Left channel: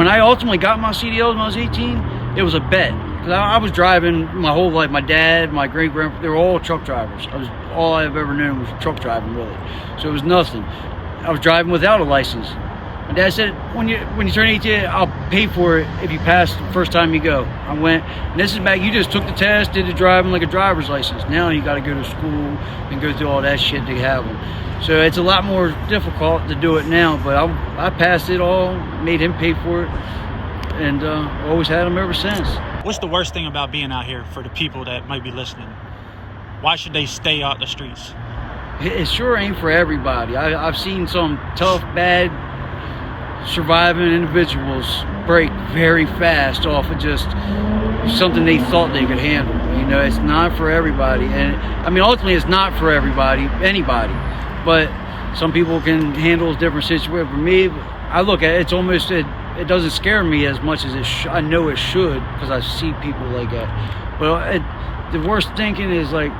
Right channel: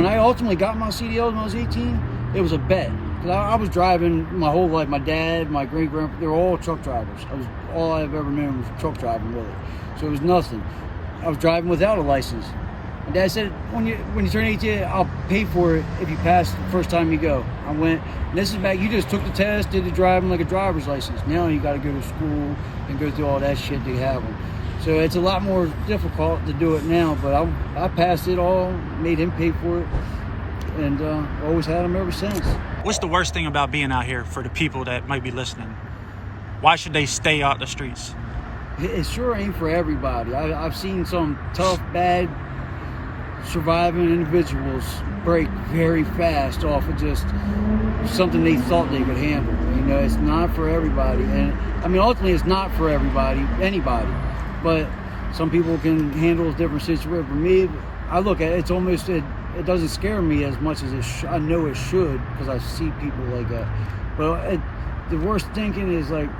when I ultimately got my CDL when I was 18, it was a bet. I was driving my whole life. My dad, my great-grandpa, they were all truck drivers. All I've ever known was truck driving, really. So it was nothing. I was driving without a license. My dad said, when you turn 18, I'll pay for it if you pass the first time you go. I went, this is back, you just took the test, did the driving like a driver's license. Now you got to go to school and go through all that shit to have them. So it's a lot more difficult to do it now, but I passed it all, made him pay for it, and always had him ever since. What's the worst thing about being out here for the people that might be listening? Why should they stay out the streets? It sure ain't for everybody. I've seen some tough, bad, surviving individuals break very fast off of just something they thought they could handle. You know, it's not for everybody. And I mean, ultimately, it's not for everybody, anybody. But some people can handle different situations. For me, I look at it, it's almost, it doesn't scare me as much as I know it should, because I see people like that. But the worst thinking is, like,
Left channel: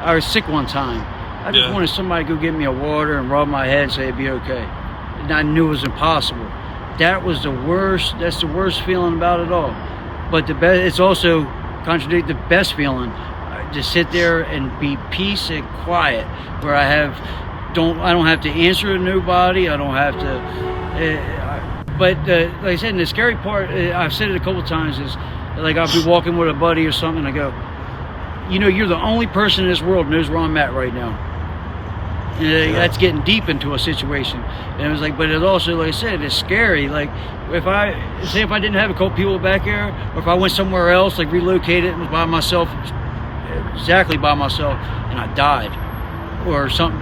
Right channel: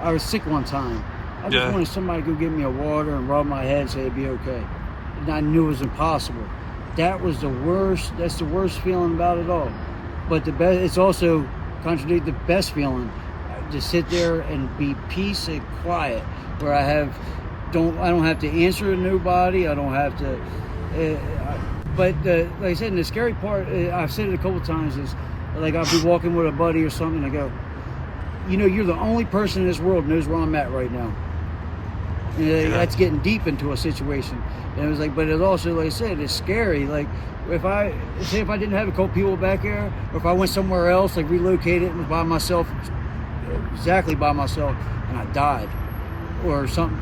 I was sick one time. I just wanted somebody to go get me a water and rub my head, say it'd be okay. And I knew it was impossible. That was the worst. That's the worst feeling about it all. But the best, it's also contradict the best feeling. To sit there and be peace and quiet, where I don't have to answer to nobody. I don't have to. But like I said, the scary part, I've said it a couple times, is like I'll be walking with a buddy or something, and I go, you know, you're the only person in this world who knows where I'm at right now. And that's getting deep into a situation. And it was like, but it also, like I said, it's scary. Like, if I didn't have a couple people back here, or if I went somewhere else, like relocated and was by myself, exactly by myself, and I died, or something,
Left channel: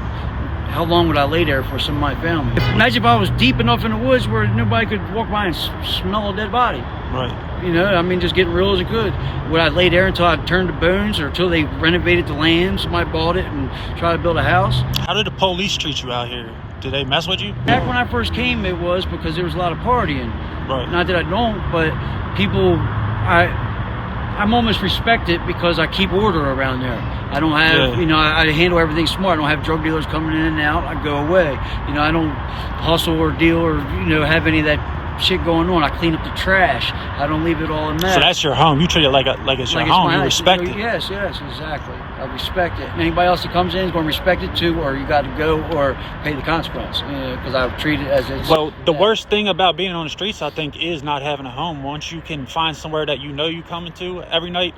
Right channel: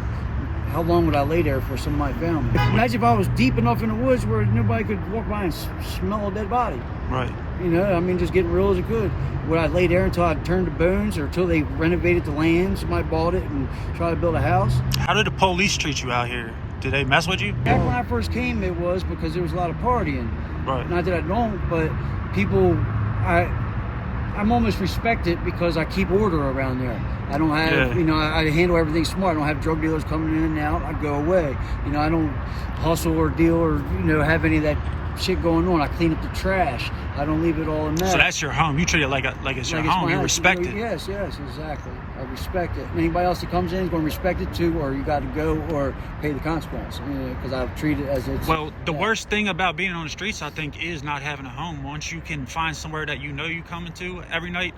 how long would I lay there for some of my family? Imagine if I was deep enough in the woods where nobody could walk by and smell a dead body. Right. You know, I mean, just getting real as it could. Would I lay there until I turned to bones, or until they renovated the land, somebody bought it and tried to build a house? How did the police treat you out here? Did they mess with you? Back when I first came, it was because there was a lot of partying. Right. Not that I don't, but people, I'm almost respected because I keep order around there. I don't have, you know, I handle everything smart. I don't have drug dealers coming in and out. I go away. You know, I don't hustle or deal or, you know, have any of that shit going on. I clean up the trash. I don't leave it all in that. So that's your home. You treat it like it's your home. You respect it. Yes, exactly. I respect it. And anybody else that comes in is going to respect it too, or you got to go or pay the consequence, because I've treated it as it's. Well, the worst thing about being on the streets, I think, is not having a home. Once you can find somewhere that you know you coming to every night,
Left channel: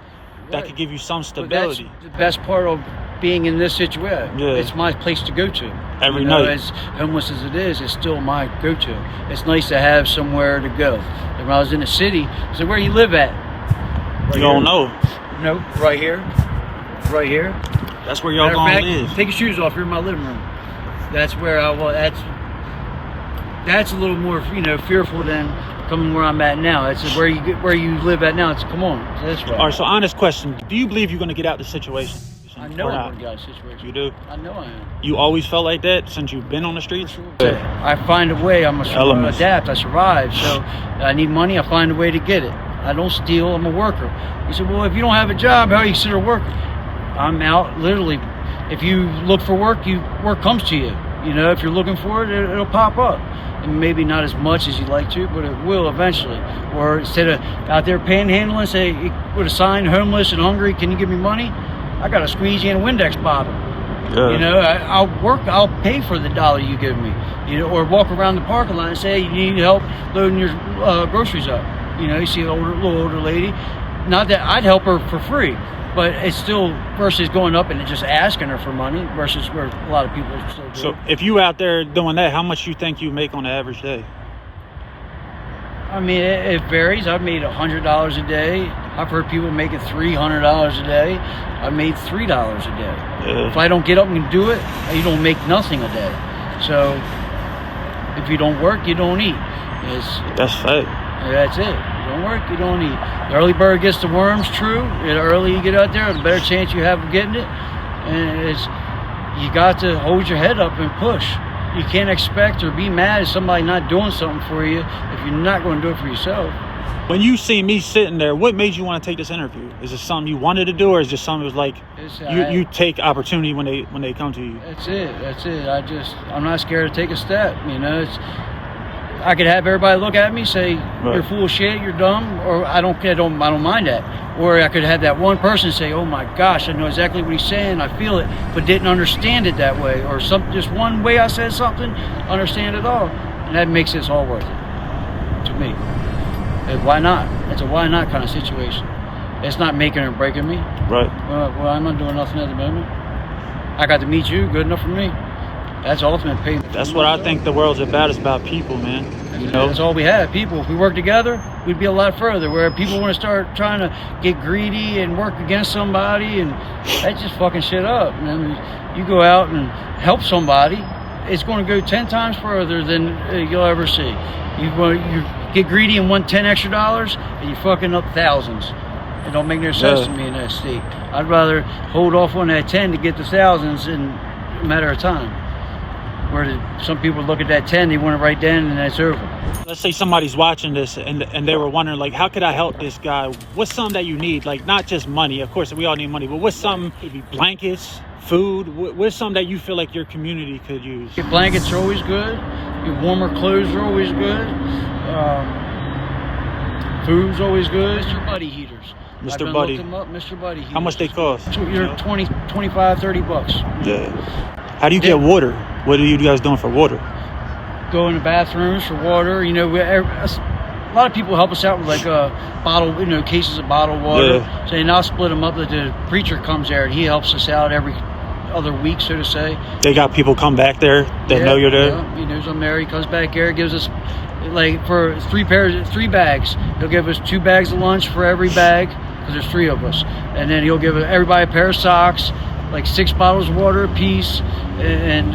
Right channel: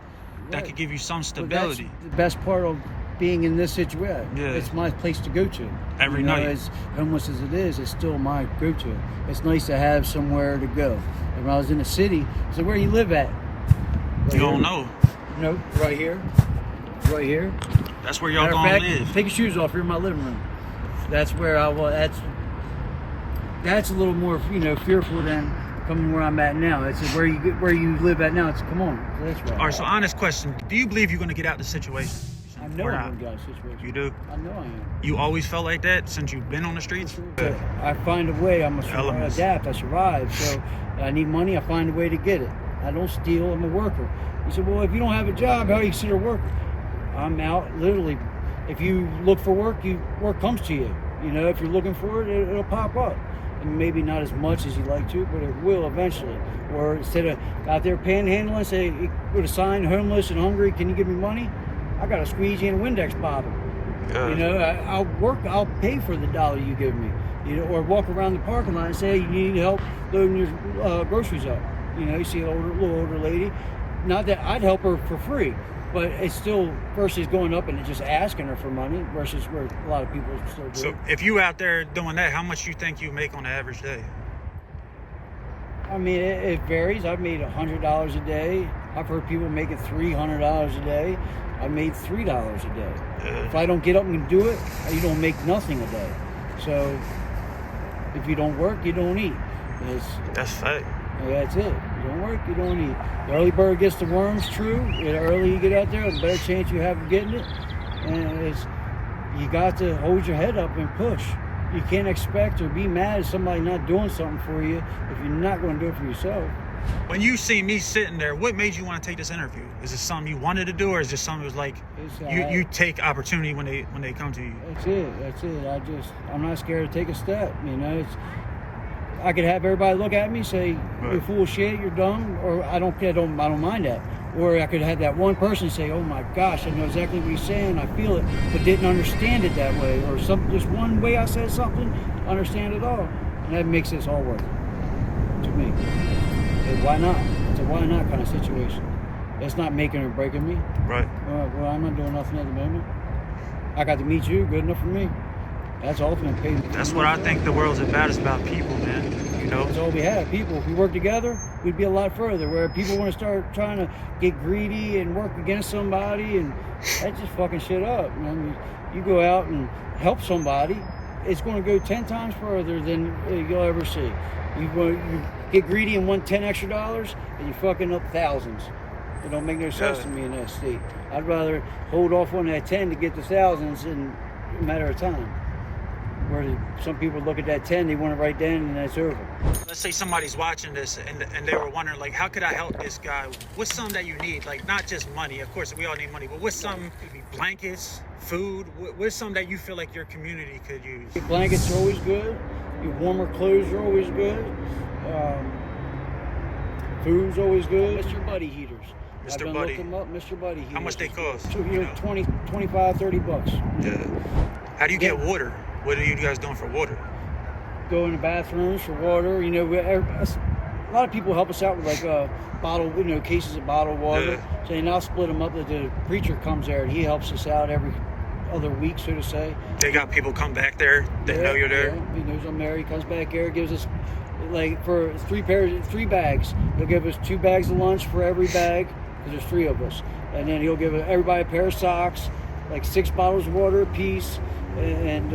that could give you some stability. But that's the best part of being in this situation. Yeah. It's my place to go to. Every night. As homeless as it is, it's still my go-to. It's nice to have somewhere to go. And when I was in the city, I said, where you live at? You don't know. No, right here. Right here. That's where y'all gonna live. Take your shoes off. You're in my living room. That's where I was. That's a little more, you know, fearful than coming where I'm at now. It's where you live at now. It's come on. So that's right. All right. So honest question: do you believe you're gonna get out of the situation? I know I'm gonna get out of the situation. You do? I know I am. You always felt like that since you've been on the streets? Sure. I find a way. I'm a adapt. I survive. So I need money. I find a way to get it. I don't steal. I'm a worker. He said, well, if you don't have a job, how are you considered a worker? I'm out literally. If you look for work, work comes to you. You know, if you're looking for it, it'll pop up. And maybe not as much as you'd like to, but it will eventually. Or instead of out there panhandling, say, with a sign, homeless and hungry, can you give me money? I got a squeegee and a Windex bottle. Yeah. You know, I'll pay for the dollar you give me. You know, or walk around the parking lot and say, hey, you need help loading your groceries up. You know, you see a little older lady. Not that I'd help her for free, but it's still versus going up and just asking her for money versus where a lot of people still do. So if you out there doing that, how much you think you make on an average day? I mean, it varies. I've made $100 a day. I've heard people making $300 a day. I made $3 a day. Yeah. If I don't get up and do it, you don't make nothing a day. So if you don't work, you don't eat. That's fact. That's it. You don't work, you don't eat. The early bird gets the worms, true. The early you get out there, the better chance you have of getting it. And you got to hold your head up and push. You can't expect or be mad at somebody not doing something for you if you're not going to do it for yourself. When you see me sitting there, what made you want to take this interview? Is it something you wanted to do, or is it just something that was like you take opportunity when they come to you? That's it. I'm not scared to take a step. You know, I could have everybody look at me, say, "You're full of shit, you're dumb," or I don't mind that. Or I could have that one person say, "Oh my gosh, I know exactly what he's saying, I feel it," but didn't understand it that way, or just one way I said something, understand it all, and that makes this all worth it to me. And why not? It's a why not kind of situation. It's not making or breaking me. Right. Well, I'm not doing nothing at the moment. I got to meet you, good enough for me. That's ultimate pay. That's what I think the world's about. It's about people, man. You know, that's all we have. People. If we work together, we'd be a lot further. Where people want to start trying to get greedy and work against somebody, and that just fucking shit up. And you go out and help somebody, it's going to go 10 times further than you'll ever see. You get greedy and want $10 extra, and you're fucking up thousands. It don't make no sense to me in that state. I'd rather hold off on that 10 to get the thousands in a matter of time. Where some people look at that 10, they want it right then, and that's over. Let's say somebody's watching this and they were wondering, like, how could I help this guy? What's something that you need? Like, not just money. Of course, we all need money, but what's something? Maybe blankets, food. What's something that you feel like your community could use? Your blankets are always good. Your warmer clothes are always good. Food's always good. Mr. Buddy heaters. Mr. Buddy. Them up, Mr. Buddy heaters. How much they cost? So you're 20, 25, 30 bucks. Yeah. How do you get water? What are you guys doing for water? Go in the bathrooms for water. You know, a lot of people help us out with like bottle, cases of bottled water. Yeah. So they now split them up. The preacher comes there and he helps us out every other week, so to say. They got people come back there that know you're there. Yeah. He knows I'm there. He comes back here, gives us like for 3 bags. He'll give us 2 bags of lunch for every bag. Because there's 3 of us, and then he'll give everybody a pair of socks, like 6 bottles of water apiece, and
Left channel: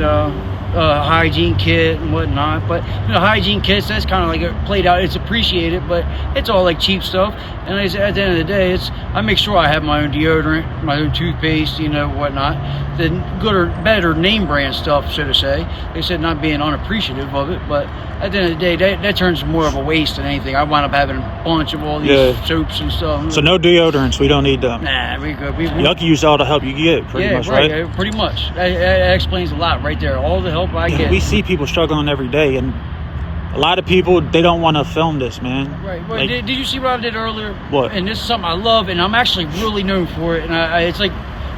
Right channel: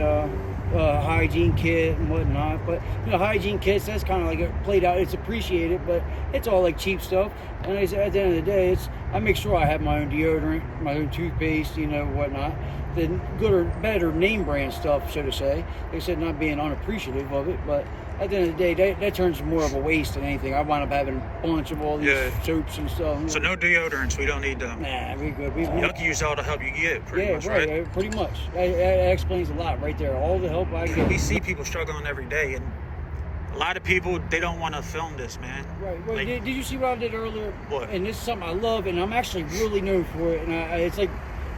hygiene kit and whatnot. But hygiene kits, that's kind of like played out. It's appreciated, but it's all like cheap stuff. And like I said, at the end of the day, I make sure I have my own deodorant, my own toothpaste, whatnot. The good or better name brand stuff, so to say. Like I said, not being unappreciative of it, but at the end of the day, that turns more of a waste than anything. I wind up having a bunch of all these soaps and stuff. So no deodorants, we don't need them. Nah, we good. Y'all can use all the help you get, pretty much, right? Yeah, pretty much. That explains a lot right there. All the help I get. We see people struggling every day, and a lot of people, they don't want to film this, man. Right. Well, did you see what I did earlier? What? And this is something I love, and I'm actually really known for it. And it's like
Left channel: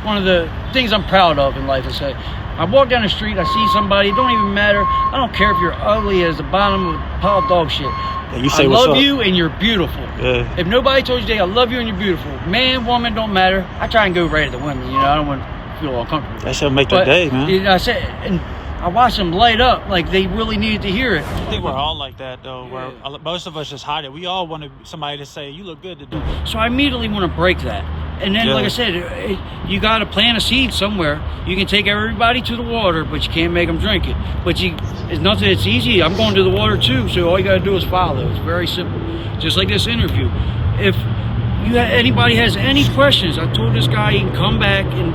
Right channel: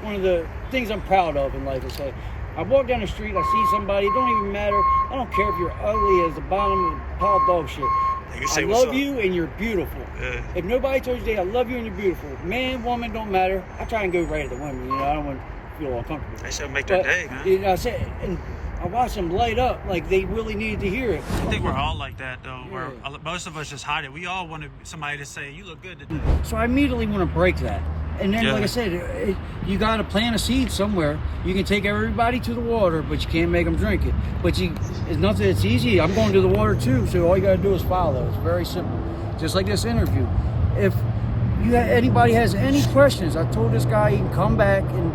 one of the things I'm proud of in life. Is I walk down the street, I see somebody, it don't even matter. I don't care if you're ugly as the bottom of a pile of dog shit. Yeah, you say I what's love up. you and you're beautiful. Yeah. If nobody told you today, I love you and you're beautiful. Man, woman, don't matter. I try and go right at the women, I don't want to feel uncomfortable. That should make the day, man. I said, and I watched them light up like they really needed to hear it. I think we're all like that, though. Yeah. Where most of us just hide it. We all want somebody to say, "You look good today." So I immediately want to break that. And then, like I said, you got to plant a seed somewhere. You can take everybody to the water, but you can't make them drink it. But it's nothing. It's easy. I'm going to the water too. So all you got to do is follow. It's very simple. Just like this interview. If anybody has any questions, I told this guy he can come back and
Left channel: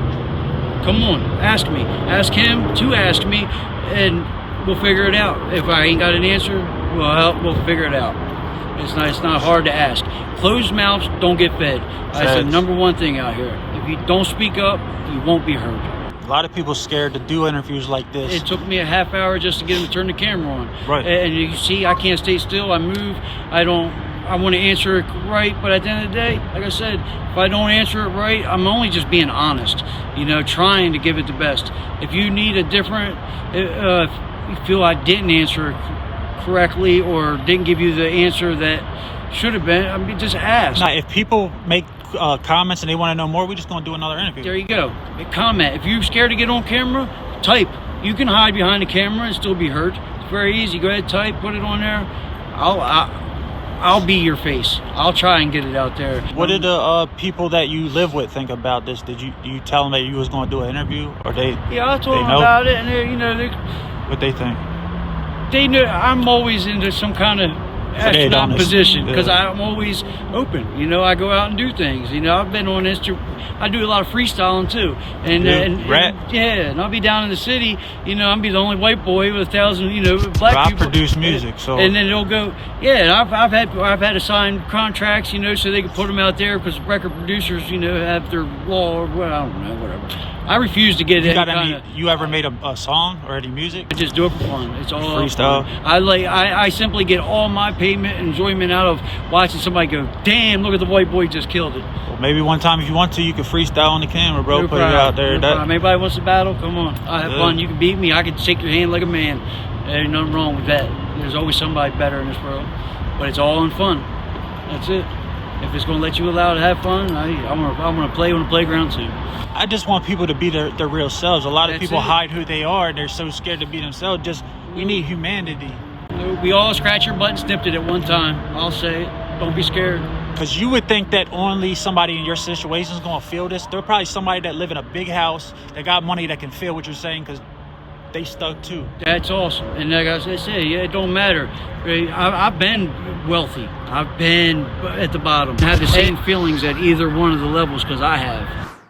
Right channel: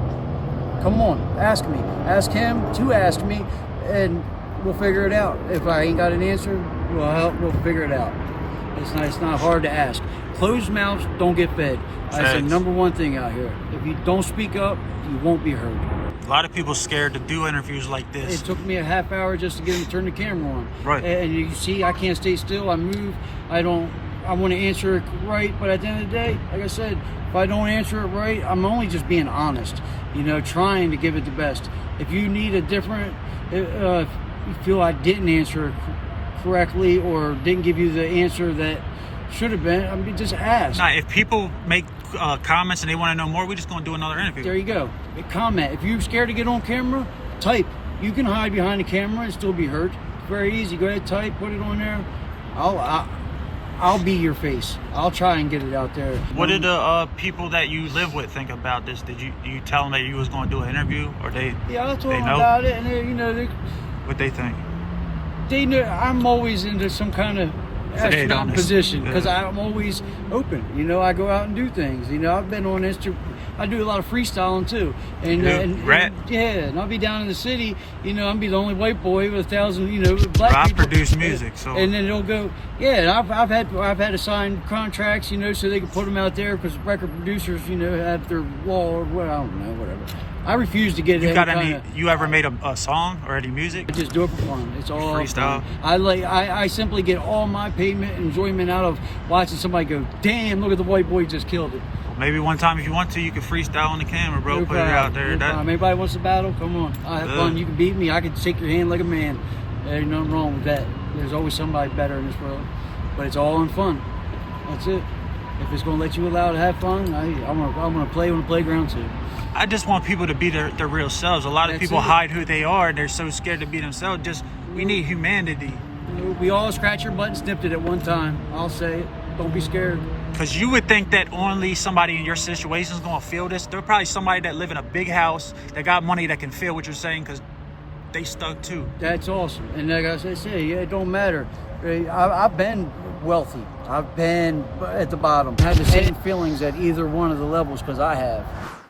come on, ask me. Ask him to ask me, and we'll figure it out. If I ain't got an answer, we'll figure it out. It's not hard to ask. Closed mouths don't get fed. That's the number one thing out here. If you don't speak up, you won't be heard. A lot of people scared to do interviews like this. It took me a half hour just to get him to turn the camera on. Right. And you see, I can't stay still. I move. I want to answer it right, but at the end of the day, like I said, if I don't answer it right, I'm only just being honest. Trying to give it the best. If you need a different, if you feel I didn't answer it correctly or didn't give you the answer that should have been, just ask. If people make comments and they want to know more, we're just going to do another interview. There you go. Comment. If you're scared to get on camera, type. You can hide behind the camera and still be heard. It's very easy. Go ahead, type, put it on there. I'll be your face. I'll try and get it out there. What did the people that you live with think about this? Did you tell them that you was going to do an interview, or they? Yeah, I told them about it, and what they think? They know I'm always into some kind of astronaut position because I'm always open. I go out and do things. I've been on I do a lot of freestyling too, and I'll be down in the city. I'll be the only white boy with 1,000 black people. I produce music, so and then they'll go. Yeah, I've had to sign contracts, so they can put them out there because record producers, have their law or I don't know, whatever. I refuse to get any kind of. You ever made a song or any music? I just do it for fun. It's all freestyle. I simply get all my payment enjoyment out of watching somebody go, damn, look at the white boy just killed it. Well, maybe one time if you want to, you can freestyle on the camera, bro. Put it out there. If anybody wants to battle, come on. I have fun. You can beat me. I can shake your hand like a man. There ain't nothing wrong with that. There's always somebody better in this world. But it's all in fun. That's it. If it's going to let you allow to have fun, I'm gonna play on the playground too. I just want people to be their real selves. A lot of people it. hide who they are. They're so scared to be themselves. We need humanity. We all scratch our butt and snipped it at one time. I'll say it. Don't be scared. Because you would think that only somebody in your situation is going to feel this. There's probably somebody that live in a big house that got money that can feel what you're saying because they stuck too. That's awesome. And like I said, yeah, it don't matter. I've been wealthy. I've been at the bottom. I have the same feelings at either one of the levels because I have.